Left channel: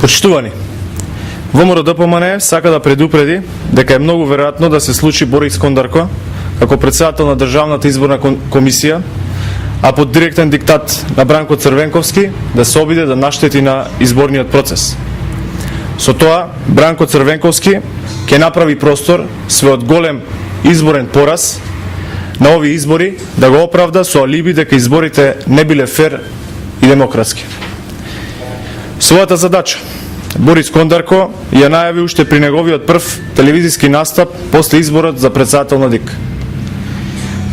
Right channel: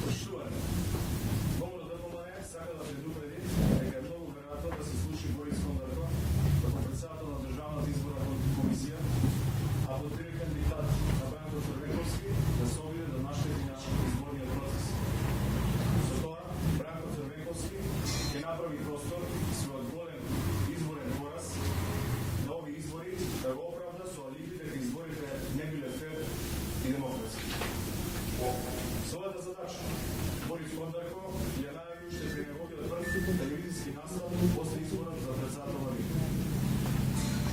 Почитувани, ВМРО ДПМНЕ сака да предупреди дека е многу веројатно да се случи Борис Кондарко како председател на Државната изборна комисија, а под директен диктат на Бранко Црвенковски да се обиде да наштети на изборниот процес. Со тоа, Бранко Црвенковски ќе направи простор својот голем изборен пораз на овие избори да го оправда со алиби дека изборите не биле фер и демократски. Својата задача Борис Кондарко ја најави уште при неговиот прв телевизиски настап после изборот за председател на ДИК.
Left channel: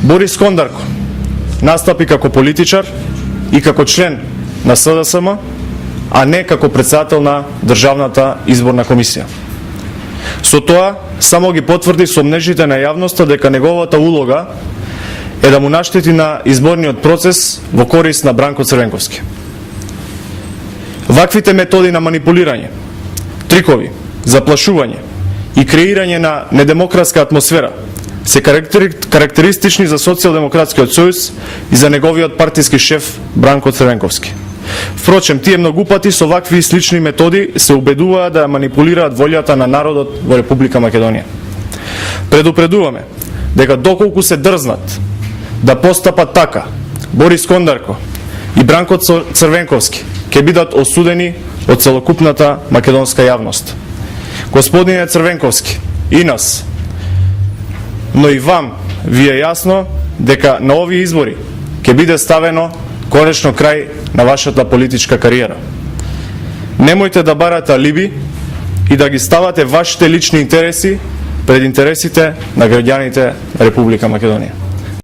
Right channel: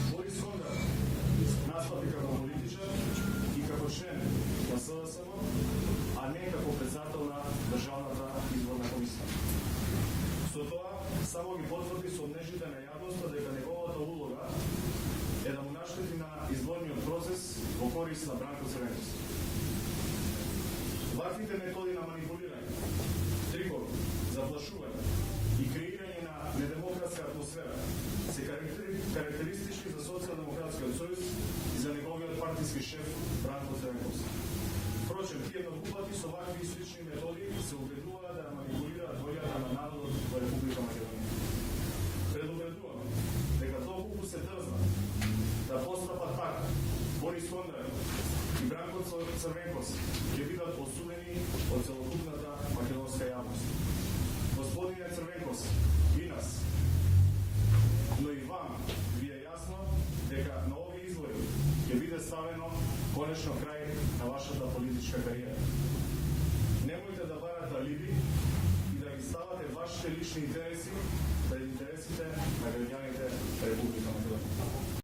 Борис Кондарко настапи како политичар и како член на СДСМ, а не како председател на Државната изборна комисија. Со тоа само ги потврди сомнежите на јавноста дека неговата улога е да му наштети на изборниот процес во корист на Бранко Црвенковски. Ваквите методи на манипулирање, трикови, заплашување и креирање на недемократска атмосфера се карактеристични за Социјалдемократскиот сојуз и за неговиот партиски шеф Бранко Црвенковски. Впрочем, тие многу пати со вакви слични методи се убедуваат да манипулираат волјата на народот во Република Македонија. Предупредуваме дека доколку се дрзнат да постапат така, Борис Кондарко и Бранко Црвенковски ќе бидат осудени од целокупната македонска јавност. Господине Црвенковски, и нас, но и вам ви е јасно дека на овие избори ќе биде ставено конечно крај на вашата политичка кариера. Немојте да барате алиби и да ги ставате вашите лични интереси пред интересите на граѓаните на Република Македонија.